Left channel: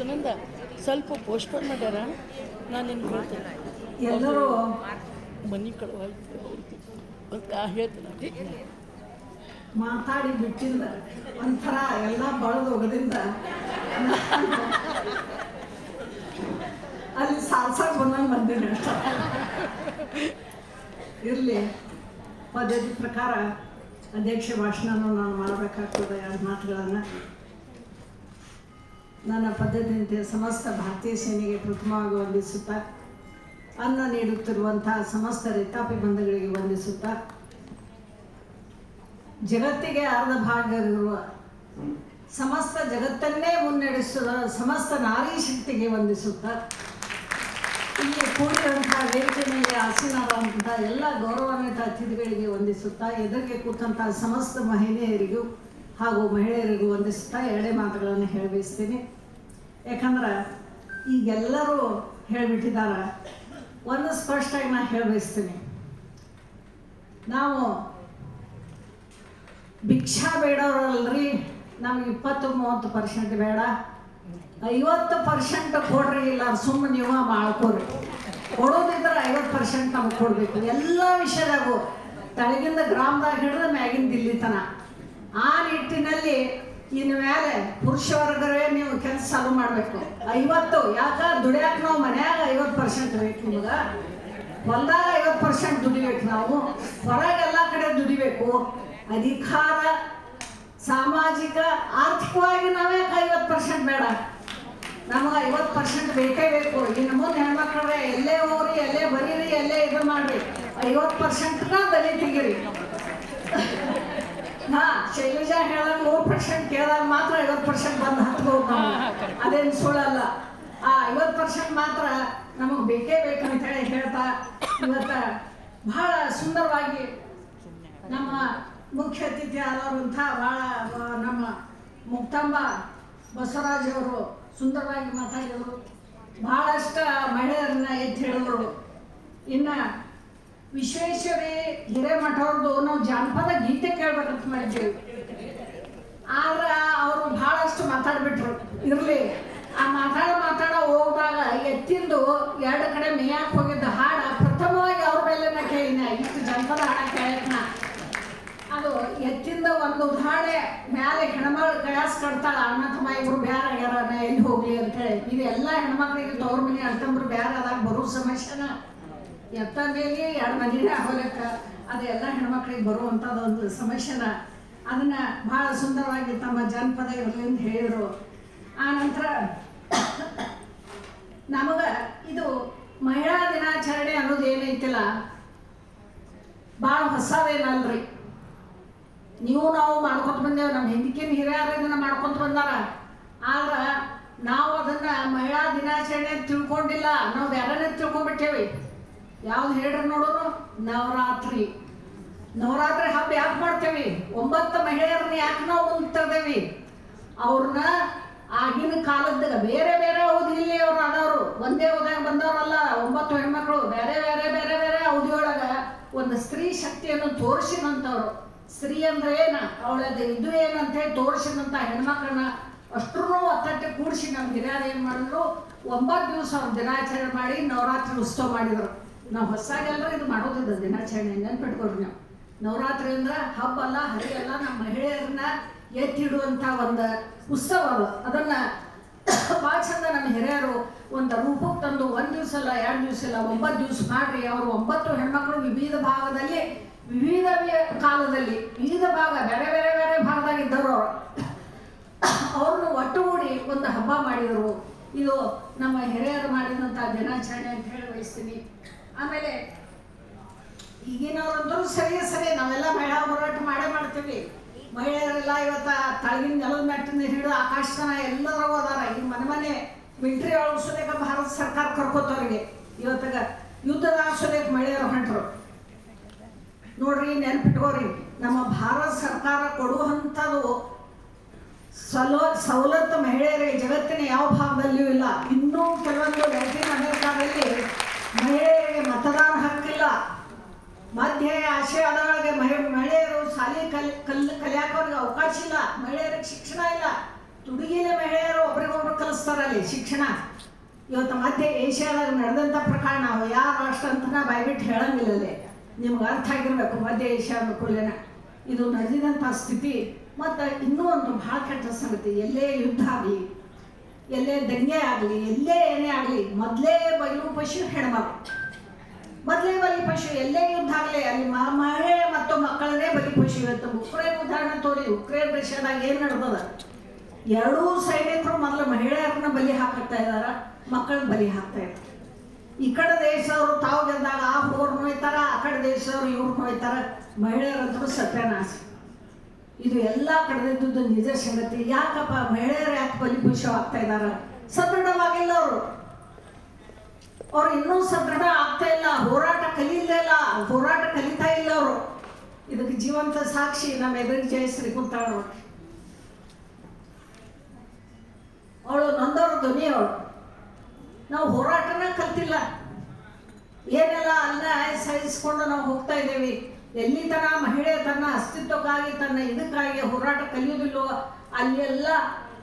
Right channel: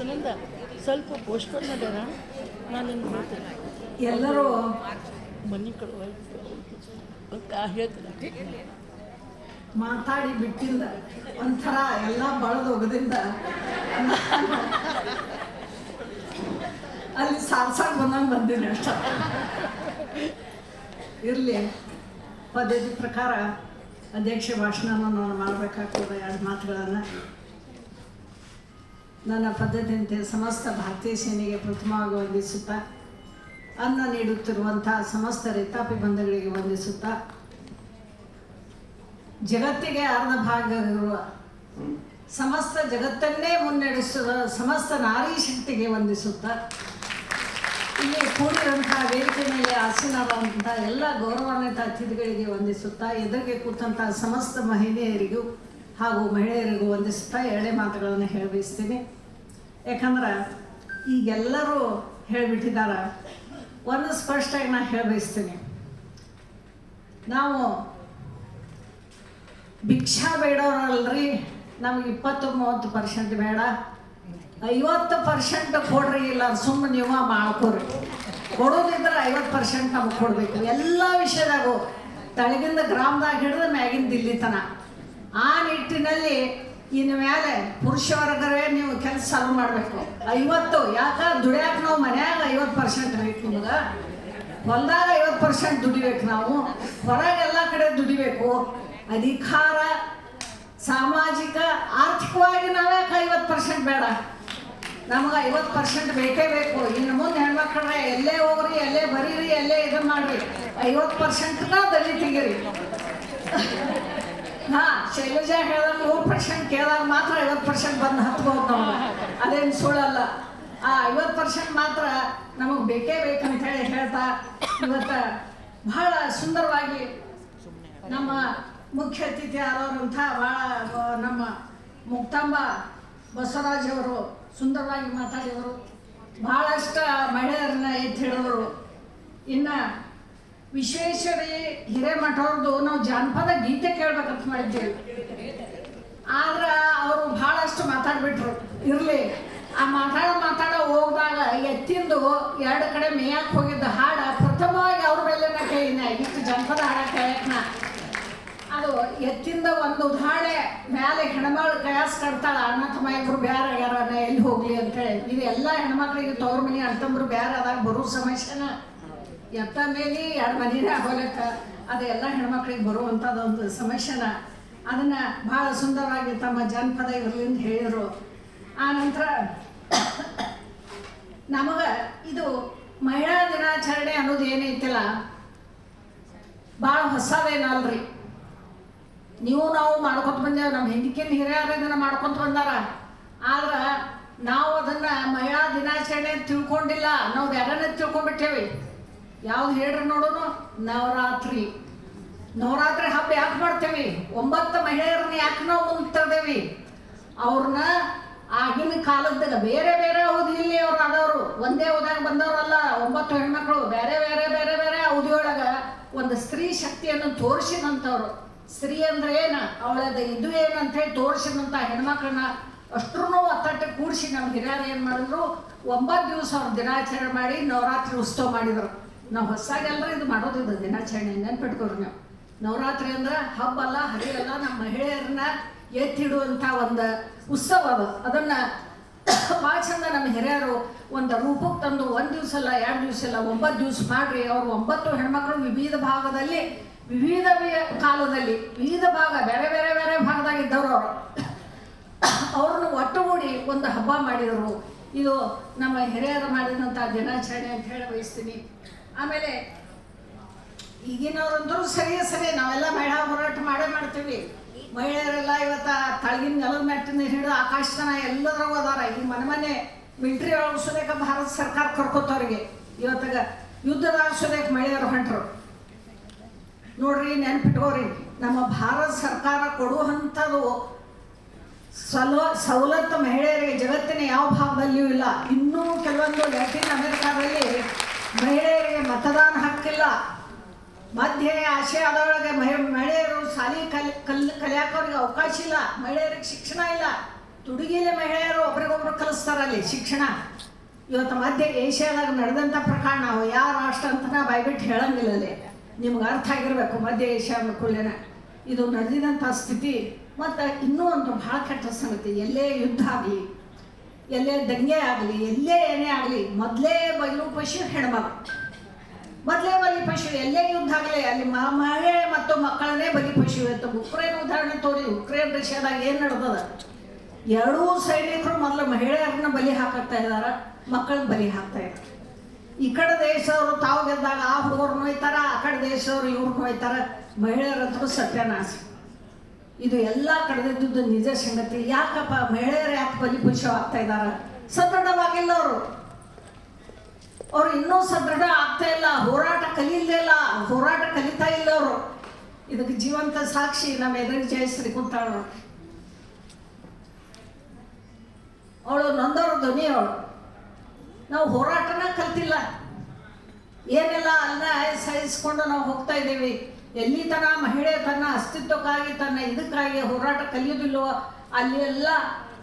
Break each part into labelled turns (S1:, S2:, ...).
S1: ಸುನಂದ ಸ್ವಲ್ಪ ಪೋಸ್ಟ್ಪೋನ್ ಮಾಡ್ಯಾರ? ನಾನು ನಿಮ್ಗೆ
S2: ಎಲ್ಲರೂ
S1: ಮನೆ ಕಡೆ ಹೇಳ್ತೀನಿ.
S2: ಮಾತಾಡಿ ಬಿಟ್ಟಿಲ್ಲ. ಒಂಥರ ಎಲ್ಲ ಬಳದು ಹೋಗೋದ್ರಿಂದ ಅಲ್ಲಿ ಸಾರ್ಸಾರ್ ಬಂದಂಗೆ ಬಂದಿಲ್ಲ ಇರಲಿ. ಪದ್ಯದ ಪ್ರಕಾರ ಅಧ್ಯಕ್ಷ ಭಾಷಣನ ನಾನು ಮಾಡಬೇಕಾಗ್ತದೆ ಎರಡು ಮಾತುಗಳನ್ನು. ನನ್ನ ಪದ್ಧತಿಯಂತೆ ಸಮಸ್ತ ಭಾರತೀಯ ಸೇನೆಗೆ ಪ್ರಥಮವಾಗಿ ವಂದಿಸುತ್ತಾ, ಅನ್ನ ನೀಡುತ್ತಿರುವಂತಹ ಸಮಸ್ತ ರೈತಾಪಿ ಬಂಧುಗಳಿಗೆ ವಂದಿಸುತ್ತಾ, ಜಗತ್ತಿಗೆ ಅರ್ಧ ಭಾಗವಿರುವ ಸಮಸ್ತ ಜಗತ್ತನ್ನೇ ಮುನ್ನಡೆಸುವ ಸಮಸ್ತ ನಾರಿ ಶಕ್ತಿಗೆ ವಂದಿಸುತ್ತಾ, ಇಲ್ಲಿ ಕೂಡಿರುವಂತಹ ವೇದಿಕೆ ಮೇಲೆ ಆಸೀನರಾದಂತಹ ಎಲ್ಲ ಗೌರವಾನ್ವಿತ ಅತಿಥಿಗಳಿಗೆ ವಂದಿಸುತ್ತಾ, ಎದುರಿಗೆ ಕೂತಂತಹ ಸಮಸ್ತ ಮಹಿಳೆಯರಿಗೂ ಹಾಗೂ ಮಹಿಳೆಯರಿಗೂ ವಂದಿಸುತ್ತಾ ಎಳೆ ಮಾತುಗಳನ್ನು ಹೇಳಬಯಸ್ತೀನಿ. ಯಾಕಂದ್ರೆ ಈಗೆಲ್ಲರೂ ಹೇಳಿಬಿಟ್ಟಿದ್ದಾರೆ ಒಂದು ಸ್ಪಷ್ಟವಾಗಿ ನಾನು ಹೇಳಬಯಸ್ತೀನಿ. ನಾವು ಭಿಕ್ಷಾ ಬೇಡೋರಲ್ರಿ, ನಮ್ಗೆ ಇಪ್ಪತ್ತು ಮೂವತ್ತು ಪರ್ಸೆಂಟ್ ಬೇಡ. ಐವತ್ತು ಪರ್ಸೆಂಟ್ ಕೊಡ್ರಿ ಇಲ್ಲ ಸುಮ್ಮನೆ ನೀವು ಮಾಡ್ಕೊರಿ. ಕೊಡೋದಿದ್ರೆ ಐವತ್ತು ಪರ್ಸೆಂಟ್ ನಮ್ಗೆ ಕೊಡಬೇಕು. ಎಲ್ಲ ವಿಷಯದಾಗು ತಳಗಿಂದ ಗ್ರಾಮದಾಗ ಹಿಡಿದು ಮ್ಯಾಗಿನ ದಿಲ್ಲಿ ತನ ಆ ನಿಟ್ಟಿನಲ್ಲಿ ಇನ್ನು ಮೇಲೆ ಪುರುಷ ವರ್ಗವೇ ನೀವು ಕೆಲಸ ಚಾಲು ಮಾಡಬೇಕು. ಐವತ್ತು, ಯಾಕ ದುಡಿಯಾಕ ನಾವು ಮನ್ಯಾಗ ಐವತ್ತು ಪರ್ಸೆಂಟ್ ಬೇಕು ನಿಮಗೆ? ಹೊಲ್ದಾಗ ಐವತ್ತು ಪರ್ಸೆಂಟ್ ದುಡಿಬೇಕು ನಾವು ಹೊರಗೆಲ್ಲ ಕಡೆ ದುಡಿಬೇಕು. ಅಧಿಕಾರ, ಸಾಮಾಜಿಕ, ಆರ್ಥಿಕವಾಗಿ ನಾವೇ ಐವತ್ತು ಪರ್ಸೆಂಟ್ ಬೇಡ? ನಮಗೆ ಐವತ್ತು ಪರ್ಸೆಂಟ್ ಬೇಕೇ ಬೇಕು. ಇನ್ನು ಮುಂದೆ ಹೆಣ್ಮಕ್ಳ್ರೆ ಎಲ್ಲೇ ಹೋಗ್ರಿ, ಎಲ್ಲೇ ಬರೀರಿ, ಎಲ್ಲೇ ಇದು ಮಾಡ್ರಿ. ಐವತ್ತು ಪರ್ಸೆಂಟ್ನ ದಲಿತಿಗಿರಿ. ಹಾ ಶೈಲಜಾ ಹೇಳಿದಾಗ ನೂರು ಪರ್ಸೆಂಟ್ ಕೇಳಿದಾಗ ಮಾತ್ರ ಐವತ್ತು ಪರ್ಸೆಂಟ್ ಬಂದು ಹತ್ಬೋದು ನಾವು ಅದೇನು ಸುಳ್ಳಲ್ಲ. ಆ ಐವತ್ತು ಪರ್ಸೆಂಟ್ ಮಾತ್ರ ನಮಗೆ ಬೇಕೇ ಬೇಕು ಅಂತ ಹೇಳಿ ಹೇಳ್ತಾ ಇವತ್ತ ಬಹಳ ಸುಂದರವಾಗಿ ನಮ್ಮ ಮುಖ್ಯ ಅತಿಥಿ ಆದಂಥ ಭಾಳ ನಮ್ಮ ಮುಕ್ತಾಂಬ ಬಸವರಾಜ್ ಅವರು ಸುಂದರವಾಗಿ ಮಾತಾಡಿದರು. ಬಹಳಷ್ಟು ಮಹಿಳೆಯರನ್ನ ಎತ್ತಿ ಹೇಳಿದರು ಇನ್ನು ವಿಶ್ವೇಶ್ವರಿ ಹಿರೇಮಠವ್ರದ್ದು ನಾವು ಜಾನಪದ ಗೀತೆ ಕೇಳ್ಬೇಕಂತ ಮಾಡಿದ್ದೀವಿ. ಆದ್ರೆ ಅವರು ಬಹಳಷ್ಟು ಮಾತಾಡ್ಬಿಟ್ರು, ಇರ್ಲಿ. ಆ ಮಾತಾಡ ಮಾತಾಡ ಹೋಗ್ದಾಗ ಎತ್ತಿಂದು ಎರಡು ಕಡೆ ಮೇಯಕ್ಕೆ ಹೋಗಿದ್ದ ಹಾಡ ಪ್ರಥಮವಾಗಿ ಅವ್ರ ಮೇಲೆ ಕೇಳಿನ ಇಷ್ಟು ಜನಪದ ಹಾಡ ಕೇಳಕ್ನ. ಅದು ಎತ್ತಿಂದ ಒಂದು ಉದಾಹರಣೆ ಮ್ಯಾಲೆ ಹೆಣ್ಮಗಳು ಕಯಾಸ್ ಕಡ್ತಾಳ ಅಣ್ಣ ತಮ್ಮ ಇಬ್ರು ಬ್ಯಾರ ಆಗ್ಯಾರ ಎಲ್ಲಿ ಹೋಗ್ಲಿ ಅಂತ ಹೇಳಿ. ಇದು ಎಲ್ಲ ಹೆಣ್ಮಕ್ಳಿಗೆ ತವ್ರ ಮನೆ ಅಂತಂದ್ರು ಬ್ಯಾರ ಆದಾಗ ಬರೋ ಸಮಸ್ಯೆನ ಎತ್ತ ಮೇಲೆ ಎರಡು ಮನೆನೇ ಆಗೋಲಕ್ಕ ಅದೆಲ್ಲ ಹೆಣ್ಮಕ್ಳಿಗೆ ಬರುವಂಥದ್ದು ಒಂದು ಸಮಸ್ಯೆನ ಅದನ್ನ ಬಹಳ ಸುಂದರವಾಗಿ ತಮ್ಮ ಜಾನಪದ ಹೇಳಿದರು. ಆ ನಂತರ ನಮಗ ಇದು ಮಹಿಳಾ ದಿನಾಚರಣೆ ಅನ್ನೋದು ಏನೈತಿಲ್ಲ ಭಾಳ ಹೊಸದೇನಲ್ರಿ. ನೀವು ನಾವು ಮಾಡ್ಕೊತ ಬಂದೇವು ನಮ್ಮ ಹಿಂದಿಕಿನ ಹಿರಿಯರು ಇದನ್ನು ಮಾಡ್ಕೊತ ಬಂದಾರ. ಆದ್ರೆ ನಾವು ಅದನ್ನ ಮಹಿಳಾ ದಿನಾಚರಣೆ ತಿಳ್ಕೊಂಡಿಲ್ಲ ನಾವು ಎರಡನೇ ತಿಳ್ಕೊಂಡ್ಬಿಟ್ಟೇವಿ. ಯಾವ್ದು ಹೇಳ್ರಿ ನೋಡೋನು ನವರಾತ್ರಿ. ನವರಾತ್ರಿ ಹಬ್ಬ ಯಾಕೆ ಮಾಡ್ತೇವಿ? ಒಂಬತ್ತು ಮಹಿಳೆಯರನ್ನ ಯಾಕೆ ನಾವು ಮುಂದೆ ತರ್ದೇವಿ ಅವ್ರನ್ನ ಆಗಿನ ಕಾಲದಾಗ ಬೇರೆ ಬೇರೆ ಅವಧಿಯಲ್ಲಿ ಅವ್ರು ಆದವರು. ಒಂದೇ ಹೋದಾಗ ಬಂದವರಲ್ಲ, ಒಂಬತ್ತು ಹೆಣ್ಮಕ್ಳು, ಬೇರೆ ಬೇರೆ ಬೇರೆ ಬೇರೆ ಅವಧಿಯೊಳಗ ಒಂದು ಸ್ತ್ರೀ ಶಕ್ತಿಯನ್ನು ತೋರಿಸಿದಂಥವ್ರು ಸ್ತ್ರೀ ಅಂದ್ರೆ ಏನ? ಅವಳದ ಇದು ಏನಂತ ಹೇಳಿ ತೋರಿಸಿದಂಥ ಹೆಣ್ಮಕ್ಳನ್ನ ಅಷ್ಟ್ರೂ ಒತ್ತಟ್ಟೆ ಕೂಡಿಸಿ ನಮ್ಮ ಹಿರಿಯರು ಏನು ಮಾಡಿದ್ರು? ಒಂಬತ್ತು ದಿವಸ ಅವ್ರು ದಿನಾಚರಣೆ ಮಾಡಿ ನವರಾತ್ರಿ ಉತ್ಸವ ಮಾಡಿದ್ರು. ನಾವು ಹೊಸಾಗೆಲ್ಲ ಇದು ಮಾಡೋದಿಲ್ಲ ದಿನಾಚರಣೆ ನೆನ್ಪಿಟ್ಕೊಳ್ರಿ ನಾವು. ನವರಾತ್ರಿ ಅಂದ್ರೆ ಹಬ್ಬ ಅಲ್ಲ, ಹರಿ ಅಲ್ಲ ನಮ್ಮ ಮಹಿಳೆಯರನ್ನ ಎತ್ತಿಡುವಂಥ ಒಂದು ಉತ್ಸವ ಅದು. ಅದನ್ನು ಭಾಳ ಚಂದ ನಮ್ಮ ಹಿರಿಯರು ಒಂದು ರೂಪಕ್ಕೆ ತಂದು ಒಂದು ದಿವಸ ಅಲ್ಲ, ಎರಡು ದಿವಸ ಅಲ್ಲ, ಒಂಬತ್ತು ದಿವಸ ಮಾಡ್ರಿ. ಅವರು ಒಂಬತ್ತು ಹೆಣ್ಮಕ್ಳು ವಿವಿಧ ಭಾಗದಲ್ಲಿ, ವಿವಿಧ ಕಾಲದಲ್ಲಿ, ವಿವಿಧ ಭಾಗ, ಬೇರೆ ಬೇರೆ ಬೇರೆ ಭಾಗದಾಗಿದ್ದವರು ಅವರು. ಅವ್ರನ್ನ ಒಟ್ಟುಗೂಡಿ ಒಂದು ಹಬ್ಬ ಮಾಡಿದರು. ಇದು ನಮ್ಮ ಹಿರಿಯರು ಮಾಡಿದಂಥ ದಿನಾಚರಣೆ ಅಂತ ಹೇಳಿ ಬಯಸ್ತೀನಿ. ಆಮೇಲೆ ಈಗಿನವ್ರಂದ್ರು ಸರಿ ಸರಿ, ನಾವೆಲ್ಲ ಮಹಿಳಾ ಹೋರಾಟ ಮಾಡೇ ಮಾಡ್ತೀವಿ. ಮಹಿಳೆಯರೆಲ್ಲ ಇವತ್ತ ತಳಗಿನ ನೆಲದ ಮೆಟ್ಟಿನ ಹಿಡಿದು ಆಕಾಶನ ಎಲ್ಲದ್ರಾಗ ಹೋದಾರ ಈ ಮನೆ ಮನೆ ಮಿಲ್ಟ್ರಿ ಅಳಿಸೋದಕ್ಕೆ ಭಾರತ ಸರ್ಕಾರ ಕರ್ಕೋತವ್ರಿಗೆ. ಇವತ್ತಾಗ ಯುದ್ಧದ ಆಸೋದಕ್ಕೆ ಮಹಿಳೆಯರು ಹೊಂಟರು. ನೋಡ್ರಿ, ನೆನ್ಪಿಟ್ಕೋರಿ, ನಮ್ಮ ಭಾರತ ಸರ್ಕಾರ ಕೊಡುವಂಥದ್ದು ಸಲೋ, ಸವಲತ್ತು ಮಹಿಳೆಯರಿಗೆ ಜಗತ್ತಿನ ಯಾವ ಭಾಗದಲ್ಲಿಯೂ ಇಲ್ಲ. ಇನ್ನೂ ಕೆಲವೊಂದು ಅಮೆರಿಕಾದಲ್ಲಿ ಮಹಿಳೆಯರಿಗೆ ಮತದಾನ ಹಕ್ಕಿಲ್ಲ. ಮಧ್ಯ ಆಶಯದೊಳಗೆ ಮಹಿ- ಮಹಿಳೆಯರು ಶಾಲೆ ಕಲ್ ಕಲ್ ಕಲಿಯಾಕ ಅವ್ರಿಗೆ ಅವಕಾಶ ಇಲ್ಲ. ಮಹಿಳೆಯರಿಗೆ ಶಿಕ್ಷಣ ಇಲ್ಲ. ತುಡುಗಿಲೆ ಮಹಿಳೆಯರು ಒಬ್ರಿಗೊಬ್ರು ಕಲಿಸ್ತಾರೆ ನಮ್ಮಲ್ಲಿ ಶಿಕ್ಷಣ. ಇವತ್ತು ಮಧ್ಯ ಏಷ್ಯಾದಾಗ ನಡೆದಂಥ ಪ್ರಕಾರ ನಾವು ಯಾವ ರಾಷ್ಟ್ರ ಅಂತ ಬಾಯ್ಬಿಟ್ಟು ಹೇಳಂಗಿಲ್ಲ ನಿಮ್ಗೆ ಅರ್ಥ ಆಗಿರ್ಬೇಕು ಮಧ್ಯ ಏಷ್ಯಾ ಅನ್ಕೊಳ್ಳೇನ ಇದು ನಡೆದಿದಂಥ ಸ್ಥಿತಿ. ಮತ್ತು ಇನ್ನೂ ಒಂದು ಭಾಳ ಕೆಟ್ಟ ಸಂಗತಿ. ಎಲ್ಲೇ ಯುದ್ಧ ಆಗಲಿ ಎಲ್ಲೇ ದಂಗೆ ಆಗಲಿ, ಎಲ್ಲೇ ಏನೇ ಆಗಲಿ, ಮೊದಲೇ ಬಯಲು ಪಶು ಹೆಣ್ಮಗ. ಮೊದಲೇ ಬಲಿ ಪಶು, ಎಲ್ಲೇ ಯುದ್ಧ ಆಗಲಿ ಅಲ್ಲಿ ಮಹಿಳೆ ಮತ್ತು ಮಕ್ಕಳನ್ನೇ ಬಲಿ ಪಶು. ಇವತ್ತು ಉಕ್ರೇನ್ ಉದಾಹರಣೆ ತೋರಿ ಉಕ್ರೇನ್ ರಷ್ಯಾದಾಗ ಏನು ನಡೆದದ? ಎರಡೂ ಸೈನಿಕರು ಮೊದಲು ಮಹಿಳೆಯರನ್ನ ಬಲಿ ಹಾಕ್ತಾ ಇದಾರ ಮಕ್ಕಳನ್ನ ಬಲಿ ಹಾಕ್ತಾ ಇದ್ದಾರೆ. ಈ ಕಡೆ ದೇಶದವರು ತಾವು ಗೆದ್ದಾಗ ಆ ಹುಡುಗರು ನೋಯ್ತಾರ ಆ ಕಡೆ ದೇಶದವರು ಇವ್ರು ಹೋಯ್ತಾರ ಮಹಿಳೆಯರಂತೂ ಸತ್ಯನಾಶ. ಇದು ಎಲ್ಲ ಕಡೆದಿದ್ದು ನಿಜ ಸಂಗತಿ. ಯಾಕಪ್ಪ ಮಹಿಳೆಯರು ಯಾಕೆ ಬಲಿಪಶು ಆಗ್ತಾ ಇದಾರ ಸದೃಢವಾಗಿಲ್ಲ ಅವರು. ಅವ್ರು ಇನ್ನೂ ಸದೃಢ ಆಗ್ತಾ ಇಲ್ಲ. ಹೋರಾಟ ಕಲೀಲೇ ಇಲ್ಲ. ಹೋರಾಟ ಕಲಿತಾ ಇಲ್ಲ ಅವರು. ಇದಕ್ಕೆ ಜೀವಂತ ಸಾಕ್ಷಿ. ನಮ್ಮ ಎದುರಿಗೆ ಜಯಶ್ರೀ ಕೂತಾಳ ಅವಳು ನೊಂದವ್ರ ಧ್ವನಿ ಅವಳು. ನಾವು ಹೋರಾಟನ ಕಲ್ತಿಲ್ಲ. ಏನೆಲ್ಲ ಅಲ್ಲ ಸಹಿಸ್ಕೊಂಡು ನಾವು ಹೋಗ್ತಾ ಇದ್ದೀವಿ. ಎಲ್ಲಿ ತನ ಮಹಿಳೆ ತನ್ನ ಅಸ್ತಿತ್ವಕ್ಕಾಗಿ, ತನ್ನ ಇದಕ್ಕಾಗಿ ಹೋರಾಟ ಕಲಿಯೋದಿಲ್ಲವೋ ಅಲ್ಲಿ ಎಲ್ಲ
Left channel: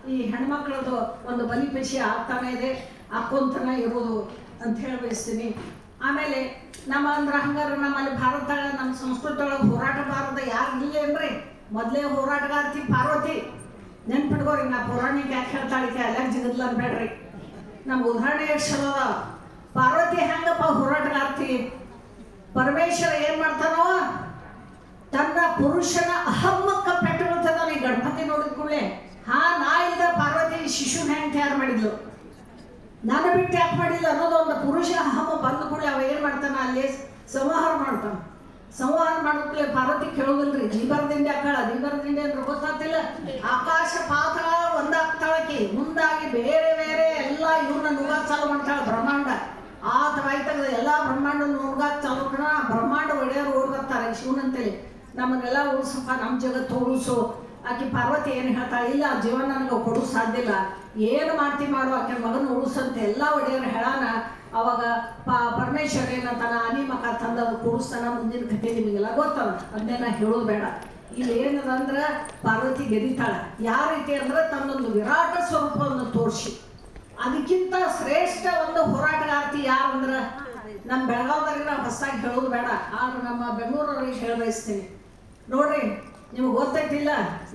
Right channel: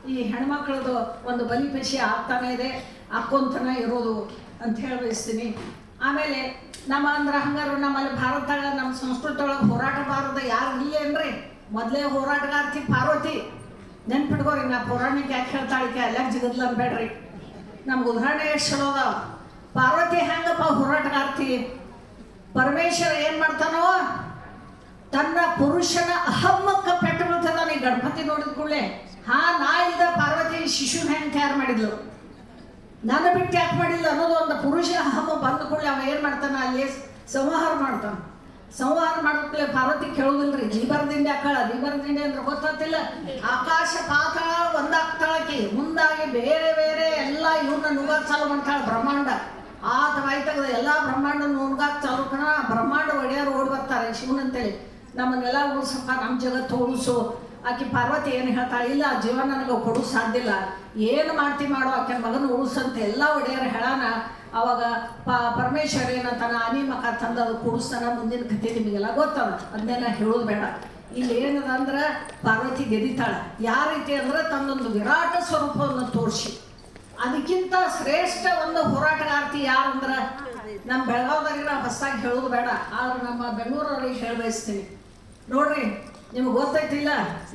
S2: ಈ ಹೆಣ್ಮಕ್ಳದ್ದು ಒಂದು ಬಲಿಪೇಶಿ ಆಗ್ತಾನೆ ಇದೆ ಹಾಕೊಂತನ ಇರೋದು ಅಂತ ಹೇಳಿ ಬಯಸ್ತೀನಿ. ಆಮೇಲೆ ನಮ್ಮ ಅಂದ್ರೆ ಹಂಗಾರು ನಮ್ಮಲ್ಲಿ ಭಾರತದಾಗ, ನಮ್ಮ ಸಂಸ್ಕೃತಿ ಒಳಗೆ ಹೋರಾಟ ಭಾರತ ಯಾರು ಇಲ್ಲ ಏನ್ರಿ? ಮೊದಲೇ ಹೋರಾಟಗಾರ್ತಿ ಪಾರ್ವತಿ. ನೆನ್ಪಿಡ್ಕೋರಿ ನಾ ಪೌರಾಣಿಕ ಯಾಕೆ ಹೇಳ್ತಾಳಿಕೆ ಅಲ್ಲಾಗ ಜಿಗದ್ಲ ಅನ್ಬೇಡ್ರಿ. ನಮ್ಗೆ ಉದಾಹರಣೆ ಎಷ್ಟು ಚಲೋ ಅದಾವ. ಪಾರ್ವತಿ ಹೆಂಗಪ್ಪ ಹೋರಾಟಗಾರ್ತಿ? ಪರಮೇಶ್ವರ ಏನ್ ಮಾಡ್ತಾನೋ? ತನ್ನ ಪುರುಷನ ಅಹಮ್ಮಕ್ಕ ಪೆಟ್ಟುಕೊಳ್ತಾನೆ ಗಣಪತಿ ನೋಡಿದ ಕೂಡಲೇ. ಹಾ ನಾ ಇಲ್ದ ಪಾರ್ವತಿ ಶಿಶುನ ಹೆಂಗ್ ತಯಾರು ಮಾಡಿದ್ಲು? ನನ್ನ ಬಿಟ್ಟು ಯಾಕೆ ಮಾಡಿಲ್ಲ ಅನ್ನೋದು ಒಂದು ಪುರುಷ ಅಹಮ್ಮ ಬಂದ ಕೂಡಲೇ ಅವ ಏನ್ ಮಾಡ್ತಾನ? ಅಲ್ಲಿ ಸಂವಹಾರ ಮಾಡ್ತಾನ. ಸಂವಹಾರ ಮಾಡೋಕ್ಲೆ ಪಾರ್ವತಿ ಕೇಳೋದಿಲ್ರಿ ಜೀವನದಿಂದ ಯಾಕಳ ಜೀವನದಿಂದ ಅಂದ್ರೆ ಗೊತ್ತಾಗ್ತಿಲ್ಲ. ಆಕಾಶ ಪಾತಾಳ ಒಂದಾಗ್ತಾಳಕಿ. ಮುಂದಾಗಿ ಬೇರೆ ಬೇರೆ ಎಲ್ಲ ಇವ್ರನ್ನ ನುಗ್ಗಾಕ್ ಬ್ರಹ್ಮಾಂಡ. ಆ ಥರ ಎಲ್ಲ ಬ್ರಹ್ಮಾಂಡ ನುಗ್ಗಾಕ್ ಚೌಕಣ ಕಣ ಬ್ರಹ್ಮಾಂಡ ಒಡೆಯರು ಓಡಿ ಬರ್ತಾರೆ, ಶಿವನಂತೇಳಿ. ನಮ್ಮನ್ನೆಲ್ಲ ಉಳಿಸಕ್ಕ ನಮ್ಮ ಜಗತ್ತು ಉಳಿಸು ಆಕೆ ಪಾರ್ವತಿ ಏನು ಹೇಳ್ತಾಳೆ, ಇಲ್ಲ ಜೀವನ ನನಗೆ ಕೊಡು ಸಾಧ್ಯ ಇಲ್ಲ. ಏನು ಮಾಡ್ತಿ ಮಾಡೋ ಆಕೆ ಮಗನ ಉಳಿಸಂತ ಎಲ್ಲ ಒಡೆಯರು ಹೇಳಾನ ಅವಾಗ ಪ, ಪರಮೇಶ್ವರ ಏನಂತಾನ ಅನಿ ಮಕ ತಂದು ಕೊಡಿಸ್ತಾನ ಮುಂದಿನ ಕಥೆ ನಿಮಗೆಲ್ಲ ಗೊತ್ತದ ಅದನ್ನೆಲ್ಲ ಹೇಳೋದು ಬೇಡ. ಇಲ್ಲಿ ಏನದ ಅಂದ್ರೆ ಪಾರ್ವತಿ ಗೆದಿತಾಳ ಯಾವ ರೀತಿ ಅಂದ್ರೆ ತನ್ನೊಂದು ವಿರಾಟ ಸ್ವರೂಪವನ್ನು ತೋರಿಸಿ. ಅದಕ್ಕಿಂತ ಶ್ರೇಷ್ಠ ಒಂದು ಹೋರಾಟಗಾರ್ತಿ ಯಾರು ಅಂದ್ರೆ ನಮ್ಮ ಬೆಳಗಾವಿ ನಾವು ಹೊಸದಾಗಿ ಹೇಳೋದು ಬೇಡ, ಆದ್ರೆ ನಮ್ಮ ಬೆಂಗಳೂರವ್ರಿಗೆ ಹೇಳ ಬಯಸ್ತೀನಿ. ನೋಡ್ರಿ, ನಿಮ್ಗೆ ಗೊತ್ತಾಯ್ತಿಲ್ಲ,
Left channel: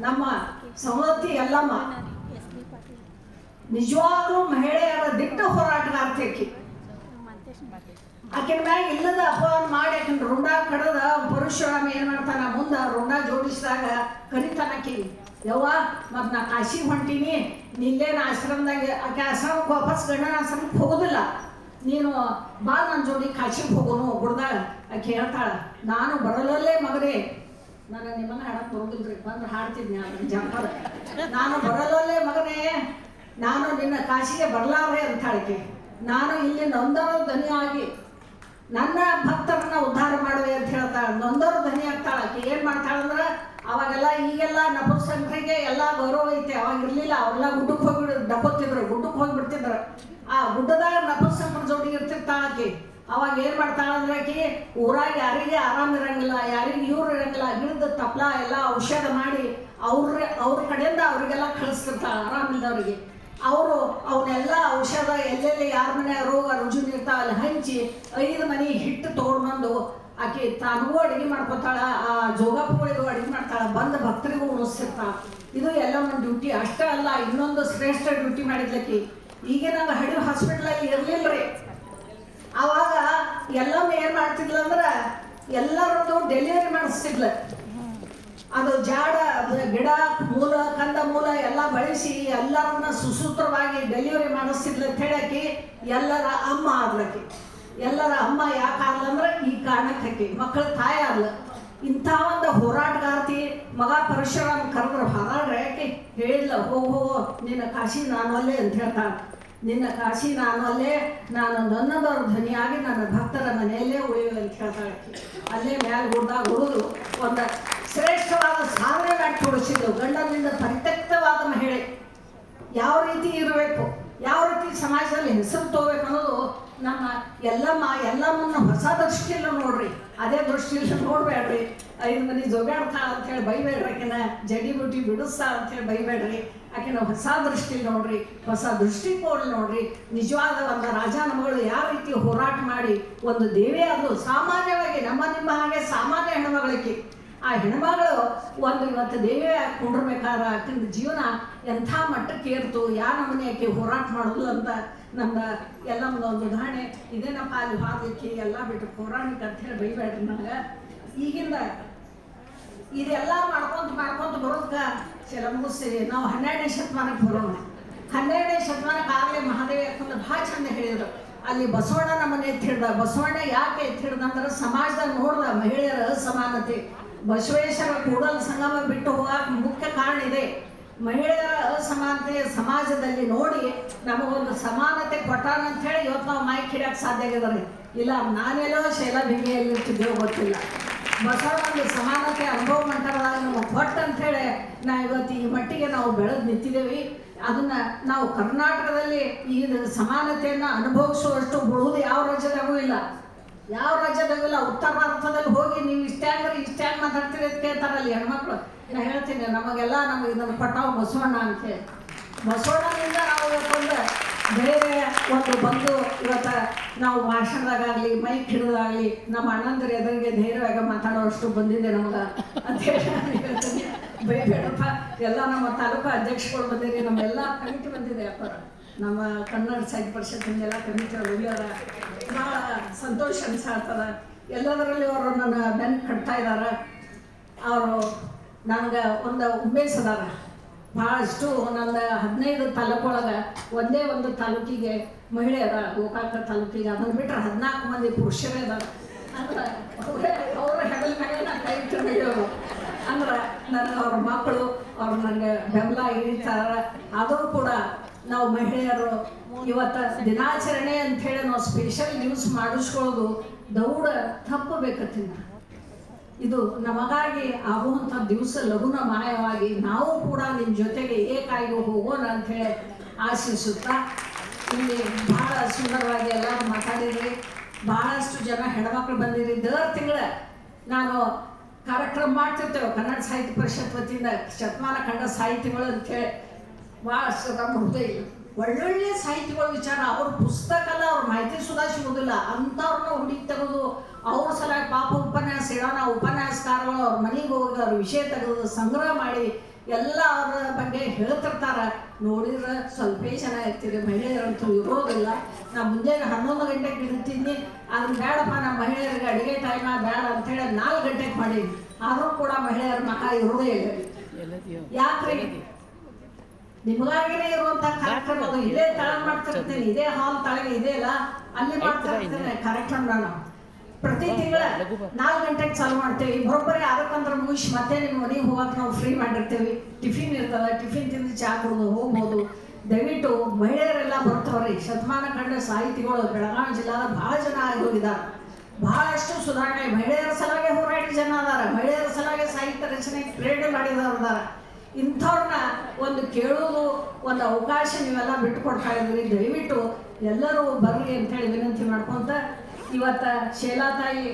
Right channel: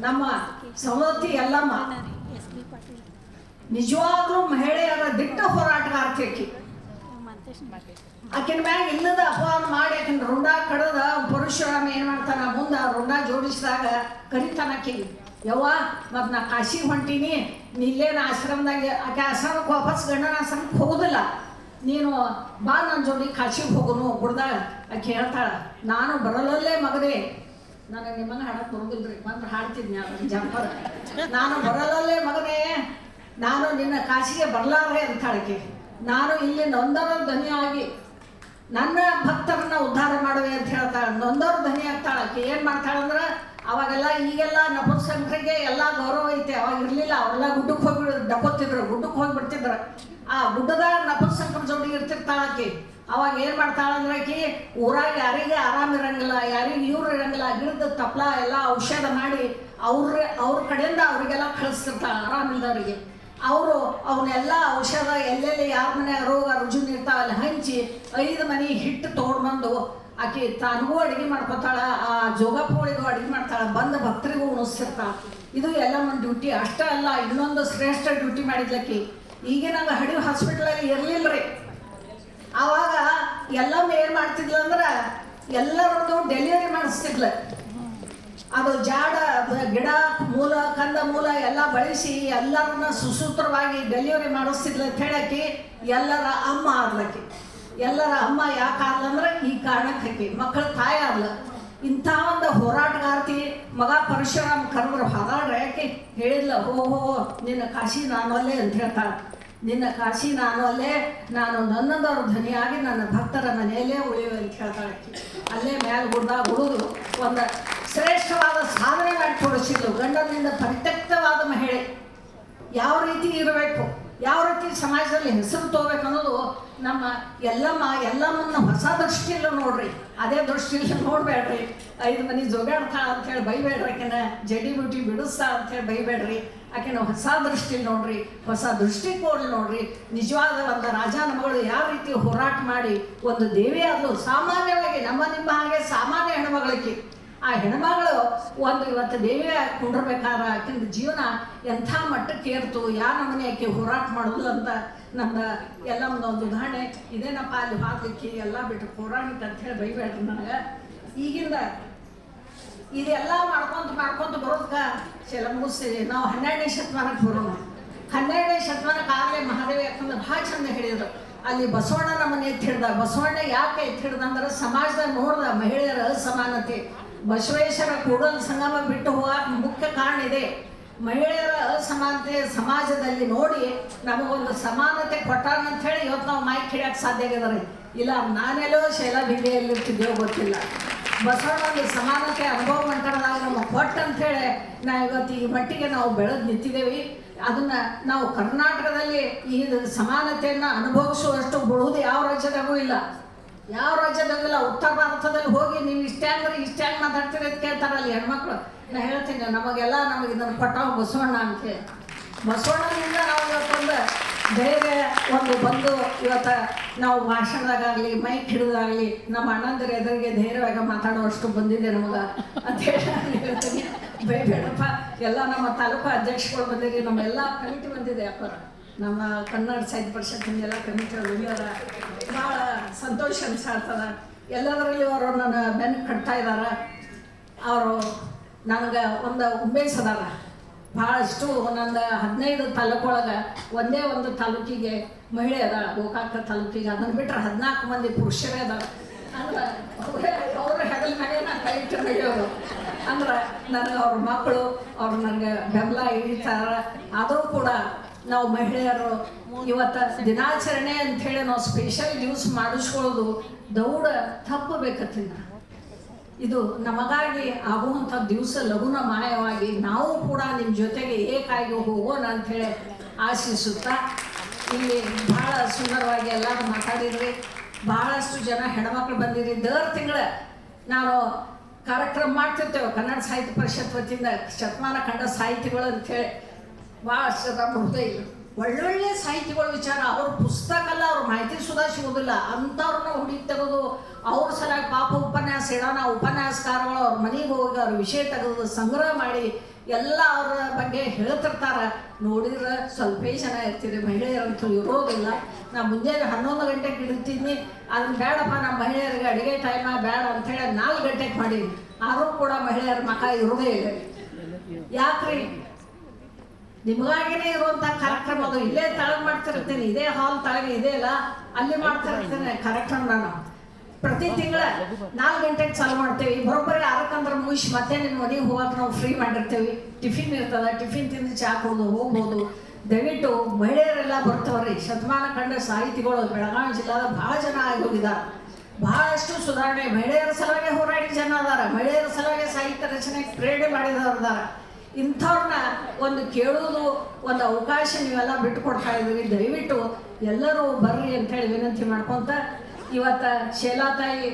S2: ನಮ್ಮ ಸವದತ್ತಿ ಎಲ್ಲಮ್ಮ ನಿಜವಾದ್ರೂ ಮಹಿಳೆಯರ ದಿಟ್ಟ ಹೋರಾಟಗಾರ್ತಿ ಆಕಿ. ಆಕಿನ ಮ್ಯಾಗ ಇಲ್ಲದ ಅಪವಾದ ಮಾಡಿ ಆಕಿನ ರುಂಡ ಕಡದ ಪರಶುರಾಮ ಏನ್ ಮಾಡ್ತಾನ, ಮುಂದ ರುಂಡ ಜೋಡಿಸಿದಾಗ ಕರಿತಾನ ಆಕಿಗೆ ಯವ್ವ, ಮತ್ತು ನಾ ಕಾಶಿಗೆ ಹೊಂಟೀನಿ ನಿಲ್ಲೇನ ಆಶ್ರಮದಾಗ, ಆಕೆ ಆಶ್ರಮಕ್ಕೆ ವಾಪಸ್ ಗಂಡನ ಆಶ್ರಮಕ್ಕೆ ಹೋಗೋದಿಲ್ಲ. ನೀನು ಬಾ ನನ್ನ ಜೋಡಿ ಕಾಶಿಗೆ ಹೋಗೋನು ಗುಡ್ದಾಗ ಆಕೆ ಹೇಳ್ತಾಳೆ, ನಾನು ಬರಲಲ್ಲೇ ಮಗನೇ. ನನಗೆ ನಿಮ್ಮನ್ನ ಹಾಡಕ್ಕೆ ಬರೋದಿಲ್ರಿ ಬಂದ್ರೆ ಹಾಡ್ತಿದ್ನಿ ಅದನ್ನ ನಾನು ಬರಲಲ್ಲೇ ಮಗನೇ, ನಾನು ನಿನ್ನ ಕಾಶಿಗೆ ಬರಲಾರೆ ಅಂತಾಳಕ್ಕೆ ನಾನು ಇಲ್ಲಿ ನೊಂದರ ಆಗಿ, ನನ್ನ ಭಕ್ತರನ್ನ ಉದ್ಧಾರ ಮಾಡುವೆ ಅಂತ ಹೇಳ್ತಾಳೆ. ನೊಂದವ್ರ ಧನಿ ಆಗ್ತಾಳಕ್ಕೆ ಏನು ಏನ್ ಮಾಡ್ತಾಳ ಅಂದ್ರ ಅವಾಗೆಲ್ಲ ಈಗೆಲ್ಲ ನಪುಂಸಕರಿಗೆ ಎಲ್ಲ ಗೌರವ ಐತೆ, ಅವಾಗ ಇರ್ಲಿಲ್ಲ. ಅವ್ರೆಲ್ಲ ಗುಡ್ಡಕ್ಕೆ ಹೋಗಿ ಡಕೋತಿದ್ರು ಗುಡ್ಡಕ್ಕೆ ಹೋಗಿಬಿಡ್ತಿದ್ರು ಆ ಗುಡ್ಡದ ನಪುಂಸಕರ ಜೋಡಿ ಇರ್ತಿರ್ತಾಳಕಿ ಅವಾಗ ಏನು ಮಾಡ್ತಾಳಂದ್ರೆ ಆಕಿ, ಊರಾಗ ಯಾರಿಗೆ ಆರಾಮ ಇರಂಗಿಲ್ಲ, ಯಾರಿಗೆ ಇವ್ರು ಇರಂಗಿಲ್ಲ, ಗಿಡದ ತಪ್ಲ ಎಲ್ಲ ಔಷಧ ಮಾಡಿ ಅವ್ರ ಅವ್ರ ಕಡೆಯಿಂದ ಅವರಿಗೆಲ್ಲ ಕಳಿಸ್ತಿರ್ತಾಳ ಆರಾಮಿಲ್ದವ್ರಿಗೆ ಅವರು ಅವನ್ನೆಲ್ಲ ಔಷಧ ಎಲ್ಲೆಲ್ಲಿ ಯಾರ ಮನೆ ರೋಗ ರುಜುನ್ ಇರ್ತಾವಲ್ಲ, ಹಂಚಿ ಐದು ಮನೆ ಹಿಟ್ಟು ತೊಗೊಂಡ್ಬಂದು ಆಕೆ ತಾನಿಗೂ ಅಡುಗೆ ಮಾಡ್ಕೊತಾಳ, ಆ ಜೋಗಪ್ಪಗಳಿಗೂ ಅಡಿಗೆ ಮಾಡ್ತಾಳ, ಬಂದ ಭಕ್ತರಿಗೂ ಉಣಿಸ್ತಿರ್ತಾಳ ಇದು ಎಲ್ಲ ಒಂದು ಡ್ಯೂಟಿ ಅಷ್ಟೇ ಅಲ್ಲ, ಇನ್ನೊಂದು ಶ್ರೇಷ್ಠ ಡ್ಯೂಟಿ ಮಾಡಿದ್ಲಕ್ಕಿ ಈಗ ನಂಗೆ ಹಡಿ ಹಾಸ್ಪಿಟ್ಲಲ್ಲಿ ರೀ ಆವಾಗ ಎಲ್ಲಮ್ಮ ಏನು ಮಾಡ್ತಿದ್ಲ ಅಂದ್ರೆ, ಎಲ್ಲರದ್ದು ಡೆಲಿವರಿ ಮಾಡಿಸ್ತಿದ್ಲ ಅದು ಜಾಡ, ಗಿಡ, ಮೂಲ, ಕಂದ ಮೂಲ ಎಲ್ಲ ಬಳಸಿ ಎಲ್ಲರನ್ನ ಸುಸೂತ್ರವಾಗಿ ಡೆಲಿವರಿ ಮಾಡಿಸ್ತಿದ್ಲ ಅಂತ ಹೇಳಕ್ಕೆ ಎಲ್ಲರ ಅಮ್ಮ ಆದ್ಲಕ್ಕೆ ಎಲ್ಲರ ಅಮ್ಮ ಯಾಕೆ ಅಂದ್ರೆ ಈ ಕಾರಣಕ್ಕೆ ಹಾಕಿ ಮಕ್ಕಳ ತಾಯಿ ಆಗಲ್ಲ ಇಂಥ ಒಂದು ಹೋರಾಟಗಾರ್ತಿ ಮಗ ಪರಶುರಾಮ ಕರೆದ್ರೆ ಹಾಗಾದ್ರೆ ಯಾಕೆ ಹೇಳಿಲ್ಲ ಓ ಹೋ ನಿನ್ನ ಕಾಶಿ ನಾನು ಅಲ್ಲೇ ಅಂತ ಹೇಳ್ತಾಳೆ. ನಿನ್ನ ಕಾಶಿ ನಾನು ಅಲ್ಲೇ, ನಾನು ನನ್ನದವ್ರ ಧ್ವನಿಯಾಗಿ ನನ್ನ ಭಕ್ತರ ಮನೆಯಲ್ಲೇ ಉಳಿಯುವ ಅಂತ ಹೇಳ್ತಾಳೆ. ಅಲ್ಲೇ ಮ್ಯಾಲ ಗುಡ್ದಾಗ ಉಳಿದು ಒಂದು ಶ್ರೇಷ್ಠವಾದ ಸಾಧನೆ ಮಾಡಿ ತೋರಿಸಿದ್ರು. ಗಂಡನಿಂದ ಪರಿತ್ಯಕ್ತವಾದ ಮಹಿಳೆ. ಯಾವ ರೀತಿ ಇರಬೇಕು, ಯಾವ ರೀತಿ ಸಮಾಜದಲ್ಲಿ ಹೆಸರು ತಗೋಬೇಕು ಅನ್ನೋದು ನಮ್ಮ ಎಲ್ಲಮ್ಮ ಎಲ್ಲಮ್ಮನ್ನ ಹೊಸ ದೃಷ್ಟಿಯಲ್ಲಿ ನೋಡ್ರಿ. ಅದೇ ದೃಷ್ಟಿಯಲ್ಲಿ ನೋಡ್ಬೇಡ್ರಿ. ಐದು ಮನಿ ಜೋಗಾಡ್ತಾಳ ಅಂತೇಳಿ ಬೈಬೇಡ್ರಿ ಆಕೆನ. ಜಡಿ ಬುಟಿ ಅಂತ ಹೇಳಿ ಬೈಬೇಡ್ರಿ. ಆಕೆನ ಹೊಸ ದೃಷ್ಟಿಲಿ ನೋಡ್ರಿ. ಹೊಸ ದೃಷ್ಟಿಕೋನ ನೋಡ್ರಿ. ನಿಜವಾದ ಒಂದು ರಾಜ ಮಗಳು ಯಾವ ರೀತಿ ಹೋರಾಟ ಮಾಡಿ ಒಂದು ದೇವಿ ಅದು ಸಾಮಾನ್ಯವಾಗಿ ನಮ್ಮ ನಿಮ್ಮ ಹಾಗೆ ಸಾಮಾನ್ಯ ಹೆಣ್ಮಗಳಿಗೆ. ಆ ಹೆಣ್ಮಗಳು ಒಂದು ಇವತ್ತು ದೇವಿಯ ಕುಂಡ್ರಬೇಕಾದ್ರೆ ಆಕಿನ ಜೀವನ ಎಂಥ ಮಟ್ಟಕ್ಕೆ ಏರ್ತು ಯಾವ ನಮ್ಮನೆ ಆಕೆ ಹೋರಾಟ ಮಾಡೋದು ಅಂತ ನಮ್ಮ ಎಲ್ಲ ಒಂದು ಉದಾಹರಣೆ. ಇದೇನಪ್ಪ ಅಲ್ಲಿ ಹಾದಲಿಕ್ಕೆ ಎಲ್ಲ ಬಿಟ್ಟು ಪೌರಾಣಿಕ ಅಂತ ಹೇಳಿ ಬೈಬೇಡ್ರಿ ನನಗೆ ಈಗಿಂದ ಇದೆಲ್ಲ ಮಾಡ್ಕೊಂತ ಮಾಡ್ಕೊಂತ ಬರೋದಕ್ಕ ಚೆಲ ಮುಗಿಸಿ ನಾವು ಹನ್ನೆರಡನೇ ಶತಮಾನಕ್ಕೆ ಬರೋಣ. ಹನ್ನೆರಡನೇ ಶತಮಾನಕ್ಕೆ ಆಗಲೇ ಮಹಾದೇವ ಯಾಕಂದ್ರೆ ಭಾಳ ಚಂದ ಹೇಳಿದ್ರು. ಅಲ್ಲಿ ಬಸವಣ್ಣ ನಮ್ಮನ್ನ ಎತ್ತಿ ಹಿಡ್ದ. ಬಸವಣ್ಣ ಯಾಕೆ ಎತ್ತಿ ಹಿಡ್ದ ಅಂದ್ರೆ ಸಮಾಜದಾಗ ನೋಡ್ದ ಮಹಿಳೆಯರ ಅಸಮಾನತೆ. ಬಸವೇಶ್ವರ ಕೂಡ ಸಂಗಮ ಬಿಟ್ಟು ಹೋಗಕ್ಕೆ ಮುಖ್ಯ ಕಾರಣ ಇದೆ. ಮಹಿಳೆಯರ ಅಸಮಾನತೆ ಸಮಾಜದಲ್ಲಿ ನೋಡಿ ನಮಗೊಂದು ಸಮಾನತೆ ಕೊಟ್ಟಾರ ಅಂತ ಹೇಳಿ ಇವತ್ತು ನಾವು ಮೈಕ್ ಹಿಡಿಯಕ್ಕೆ ಸಾಧ್ಯ ಆಗಿದ್ದಾರೆ. ಇಲ್ಲ, ನಾನೆಲ್ಲೋ ಶೈಲಾ ಬಿಂಗೆಯಲ್ಲಿ ಇರ್ತಿದ್ದೇವೋ ಗೊತ್ತಿಲ್ಲ. ಬಸವಣ್ಣಲ್ಲಿ ಸಮಾನತೆ ಅನುಭವ ಮಂಟಪದಾಗ ನಮಗೆ ಅಂತ ಹೇಳಿ ನಾವು ಇವತ್ತು ಈ ಮಟ್ಟಿಗೆ ನಾವು ಬೆಳೆದು ನಿಂತಿದ್ದೇವೆ. ಅದನ್ನು ನಾವು ಕರ್ನಾಟಕದಲ್ಲಿ ಈ ಸಮಾನತೆಯನ್ನು ಅನುಭವಿಸುವಷ್ಟು ಬಳುವುದು ಯಾವ ರಾಜ್ಯದಾಗೂ ಇಲ್ಲ. ಯಾವ ರಾಜ್ಯದಾಗೂ ಇಲ್ಲ, ಉತ್ತರ ಭಾರತದಲ್ಲಿ ಹೋಗಿ ನೀವು ಇಷ್ಟೇ ಅಂದ್ರೆ ಇಷ್ಟೇ ಮಾತಾಡ್ತೀರಿ ಅಂತ ಕೇಳ್ತಾರಲ್ಲ ಹೆಣ್ಮಕ್ಳು. ನಾ ಹೇಳ್ತೀನಿ, ನಮಗೆಲ್ಲ ನಮಗೆ ಇದನ್ನು ಕೊಟ್ಟವ ಬಸವಣ್ಣ ಅಂತ ಹೇಳಿ ಬಸವಣ್ಣನಿಂದ ನಾವು ಇವತ್ತೊಂದು ಬೇರೆ ಒಂದು ಬಂದು ಇವತ್ತ ನಾವು ಭಾಷಣದಾಗಲಿ ಮೈಕ್ ಹಿಡಿದಾಗಲಿ, ನಮ್ಮ ಅಣ್ಣಂದ್ರ ಎದುರಿಗೆ ಧೈರ್ಯವಾಗಿ ಮಾತಾಡೋಷ್ಟು ಬಂದಿದೆ ನಮಗೆ. ಅಂತ ಹೇಳಿ ಬೇಡಪ್ಪ ಎಲ್ಲ ನಮ್ಮ ತಾಲೂಕು ಅಧ್ಯಕ್ಷಗಳು ಬಂದಿರಿ, ನಮ್ಮೆಲ್ಲ ಕಮಿಟಿ ಬಂದಿದೆ ಅಪ್ಪ. ನಮ್ಮ ಕನ್ನಡ ಸಾಹಿತ್ಯ ಪರಿಷತ್ತಿಂದೆಲ್ಲ ಕಮಿಟಿ ಅವರ ಭಾಳ ಸಂತೋಷ ಅನಿಸ್ತದ ಎಲ್ಲದರಲ್ಲಿ ಅವರು ನನ್ನ ಬೆನ್ ಕಟ್ತಾ ಇದ್ದಾರೆ ಅವರು ನನಗೆ ಒಂದು ಉಮೇಶ್ ಅದಾರ. ಭಾಳಷ್ಟು ನಂದು ಹದಿನೈದು ತಾಲೂಕೊಳಗೆ ಒಂದೇ ಒಂದು ತಾಲೂಕಿಗೆ ಮಹಿಳೆ ಅದ ಗೋಕಾಕ ತಾಲೂಕಿಗೆ. ಅದನ್ನು ಬಿಟ್ಟರೆ ಹದಿನಾಲ್ಕು ಮಂದಿ ಪುರುಷರೇ ಅದಾರ. ಅಂದ್ರೆ ಅವರೇ ಹೆಗಲ ಮೇಲೆ ನಾನು ಕೈ ಇಟ್ಟು ಅಂದ್ರೆ ನನ್ನ ಅವ್ರ ಮಕ್ಕಳು ಅವ್ರು ನನಗೆ ಬೆಂಬಲ ಹಿಡಿತಾರ. ಆದರೂ ಕೂಡ ನಾವು ಮಹಿಳೆಯರು ಇವತ್ತು ದಿನಾಚರಣೆ ಅಂತ ಹೇಳಿ ನಾವು ಸ್ಪೆಷಲ್ ಯೂಸ್ ಮಾಡಿಸ್ಕೊಳ್ಳೋದು ದೌಡ ತಪ್ಪಬೇಕತ್ತಿನ ಇದು ನಮಗಾಗಿ ಆಗುವಂಥ ದಿವಸ ಲಘುನ ಮಾಯವಾಗಿ ನಾವು ಕೂಡ ನಿಮ್ಮ ಜೊತೆಗೆ ಏಕಾಯಿಗೆ ಹೋಗೋಣ ಅಂತ ಹೇಳಿ ಆಶಿಸುತ್ತಾ. ಇಲ್ಲಿ ಬಹಳ ಸುಂದರವಾಗಿ ಎಲ್ಲರೂ ಮಾತಾಡಿದ್ರಿ. ಬಹಳಷ್ಟು ಜನ ಹೆಣ್ಮಕ್ಳು ಬಂದಿರಿ. ದರ್ ತಿಂಗಳ ನಾವು ಕಾರ್ಯಕ್ರಮ ಮಾಡ್ತಿರ್ತೇವೆ ಕನ್ನಡ ಸಾಹಿತ್ಯ ಪರಿಷತ್ ವತಿಯಿಂದ ಶತಮಾನ ಕಂಡ ಸಾಹಿತಿಗಳು ಅಂತೇಳಿ ಭಾಳಷ್ಟು ನಮ್ಮ ಹೃದಯ. ಒಳ್ಳೊಳ್ಳೆ ಸಾಹಿತಿಗಳ ವಿಚಾರ. ಅವ್ರ ಪುಸ್ತಕ ಅಲ್ಲ ಅವ್ರ ಮಾಹಿತಿ ಸುಧಾ ಸಿಗೋದಿಲ್ಲ ಅಂಥವ್ರನ್ನ ಹುಡುಕಿ ತೆಗೆದು ಅವ್ರ ಸಲ ಪಾಪ ಉಪನ್ಯಾಸ ಇಡೋಣ, ಉಪನ್ಯಾಸಕಾರಗಳು ಅವ್ರ ಮನೆಗೆ ಹೋಗಿ ಅವ್ರ ವಿಷಯ ತೆಗೆದು ಸಂಗ್ರಹ ಮಾಡಿ ಎಲ್ಲ ಅವರ ಬಗ್ಗೆ ಹೇಳ್ತಿರ್ತಾರೆ. ನೋಡಿದ್ರೆ ಸ್ವಲ್ಪ ಜನ ಇರ್ತೀರಿ ಮಹಿಳೆಯರಂತೂ ಇರೋದಿಲ್ಲ. ನಾ ಮುಂಜಾನೆ ಹನ್ನೊಂದು ಗಂಟೆಗೆ ಇರ್ತೀನಿ ಅದನ್ನ ಬೇಡಪ್ಪ ನಮ್ಮ ಮಹಿಳೆಯರಿಗೆ ಅಡುಗೆ ಟೈಮ ಬೇಡ ಅಂತೇಳಿ ನಾಲ್ಕು ಗಂಟೆಗೆ ಮಾಡಿ ಆದರೂ ಕೂಡ ಮಹಿಳೆಯರ ಮಕ ಇರೋದೇ ಇಲ್ಲ. ಯಾಕ್ರಿ? ನಿಮಗಾಗಿನೇ ಇರುವಂತ ಕಾರ್ಯಕ್ರಮ ಅದು ತಳ ತಳಗ್ ಮಾಡ್ತಿರ್ತೀನಿ. ಇದೇ ಹಾಲ್ ತಳಗೆ ಇದೆ ಅಲ್ಲ? ಅಲ್ಲಿ ಮಾಡ್ತಿರ್ತೀನಿ ಕಾರ್ಯಕ್ರಮ ನಾನು. ಪ್ರತಿ ತಿಂಗಳ ನಾಲ್ಕು ಗಂಟೆಗೆ ಚಾಲು ಮಾಡ್ತೇವೆ. ಬರೋಬ್ಬರಿ ಆರಕ್ಕಂದ್ರೆ ಮುಗಿಸಿ ಮತ್ತೆ ನಿಮ್ಮ ಮನೆಗೆ ಹೋಗಕ್ಕೆ ನಾವು ಫ್ರೀ ಮಾಡಿರ್ತೀವಿ. ಟಿಫಿನ್ ಇರ್ತದ ಟಿಫಿನ್ ತಿಂದು ಚಾ ಕುಡಿದು ಹೋಗ್ಬೋದು. ದಯವಿಟ್ಟು ಮಹಿಳೆಯರೆಲ್ಲ ಬರ್ತಾವ್ರಿ. ಶತಮಾನ ಕಂಡ ಸಾಹಿತಿಗಳು, ಬೆಳಗಾವಿ ಜಿಲ್ಲಾದ ಬಹಳ ಜನ ಆಗಿ ಬಹಳಷ್ಟು ಸುಧಾರಣೆ. ಮಹಿಳೆಯರ ಸಲುವಾಗಿ ಹೋರಾಟಿ ಜನ ಅದಾರ. ಮಹಿಳೆಯರ ಸಲುವಾಗಿ ಸಾಹಿತ್ಯ ರಚನೆ ಪ್ರೇರಣೆ ಮಾಡಿದವರು ಇಂಥವ್ರನ್ನ ಒಂದು ಕೇಳೋದು ಒಂದು ಅವಕಾಶ ನೀವೆಲ್ಲ ಬಿಟ್ಟುಕೊಡ್ತಾ ಇದ್ದೀವಿ ದಯವಿಟ್ಟು ಎಲ್ಲರೂ ಬರ್ರಿ ಅಂತೇಳಿ ವಿನಂತಿ ಮಾಡ್ಕೊಂತ ಇವತ್ತ ಶೇಲಾ ತಾಯಿ,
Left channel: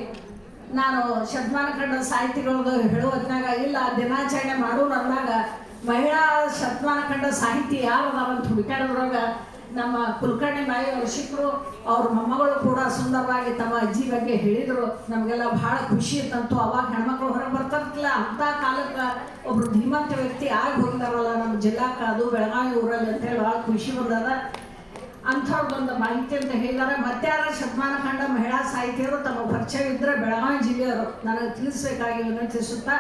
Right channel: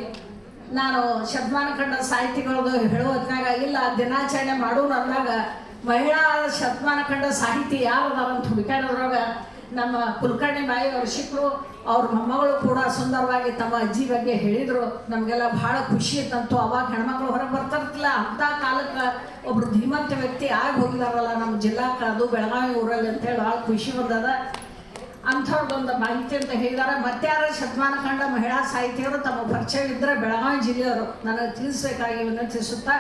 S2: ನಾನು ಶತಮಾನ ಕಂಡ ಸಾಹಿತಿಗಳದು ಹೇಳೋ ಹೊತ್ನಾಗ ಇಲ್ಲ, ದಿನಾಚರಣೆ ಮಾಡೋರು ಅಂದಾಗ ಮಹಿಳಾ ಶತಮಾನ ಕಂಡ ಸಾಹಿತಿ ಯಾರು ಅಂತ ಹುಡುಕಾಡೋದ್ರಾಗ ನಮ್ಮ ಕುಲಕರ್ಣಿ ನಾಯಿ ಅವ್ರ ಶಿಕ್ರು ಅವ್ರ ಮೊಮ್ಮಗಳು ಕೂಡ ಸುಂದರವಾಗಿ ತಮ್ಮ ಅಜ್ಜಿ ಬಗ್ಗೆ ಹೇಳಿದರು. ನಮಗೆಲ್ಲ ಬಹಳ ಖುಷಿ ಇತ್ತಂತು ಅವಾಗ ಹೆಣ್ಮಕ್ಳು ಹೊರಗೆ ಬರ್ತಾರಲ್ಲ ಅಂತ ಕಾಲಕ್ಕೆ ಒಬ್ರು ಧೀಮಂತ ವ್ಯಕ್ತಿ ಆಗಿ ಹೋಗಿದಾರಲ್ಲ ನಮ್ಮ ಜಿಲ್ಲಾ ಅದು ಬೆಳಗಾವಿ ಊರಲ್ಲಿ ಅಂತೇಳಿ ಭಾಳ ಖುಷಿ ಬಂದದ ಅಂಥವ್ರದ್ದೊಂದು ಮಾಹಿತಿ ಅಂತ ಹೇಳಿದಾರೆ. ಶತಮಾನ ಕಂಡ ಮಹಿಳಾ ಸಾಹಿತಿಯವರು ತಮ್ಮ ಪರಿಚಯ ಇದ್ದರೆ ಬೆಳಗಾವಿ ಜಿಲ್ಲೆಯವರು. ನನಗೆ ತಿಳಿಸ್ಬೇಕಾಗಿ ವಿನಂತಿಸುತ್ತಾ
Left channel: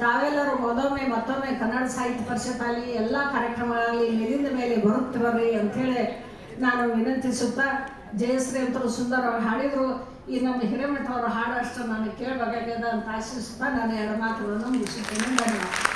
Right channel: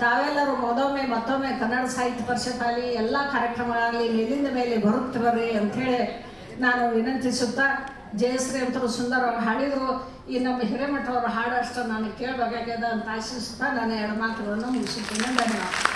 S2: ತಾವೆಲ್ಲರೂ ಮೊದೊಮ್ಮೆ ಮತ್ತೊಮ್ಮೆ ಕನ್ನಡ ಸಾಹಿತ್ಯ ಪರಿಷತ್ ಆಗಲಿ ಎಲ್ಲ ಕಾರ್ಯಕ್ರಮಗಳಾಗಲಿ ಮೇಲಿಂದ ಮೇಲೆ ಬರುತ್ತೆ ಬರ್ರಿ ಅಂಥೇಳಿ ನಾನು ವಿನಂತಿಸುತ್ತಾ ಜಯಶ್ರೀ ಅಂತರು ಸುಂದರವಾಗಿ ಹಾಡಿದ್ರು. ಈ ನಮ್ಮ ಹಿರೇಮಠ ಅವರ ಹಾಡಷ್ಟು ನಾನು ಕೇಳಬೇಕಾಗ್ಯದ ಅಂತ ಆಶಿಸುತ್ತಾ, ನಾನು ಎರಡು ಮಾತುಗಳನ್ನು ಮುಗಿಸುತ್ತೇನೆ. ಧನ್ಯವಾದ.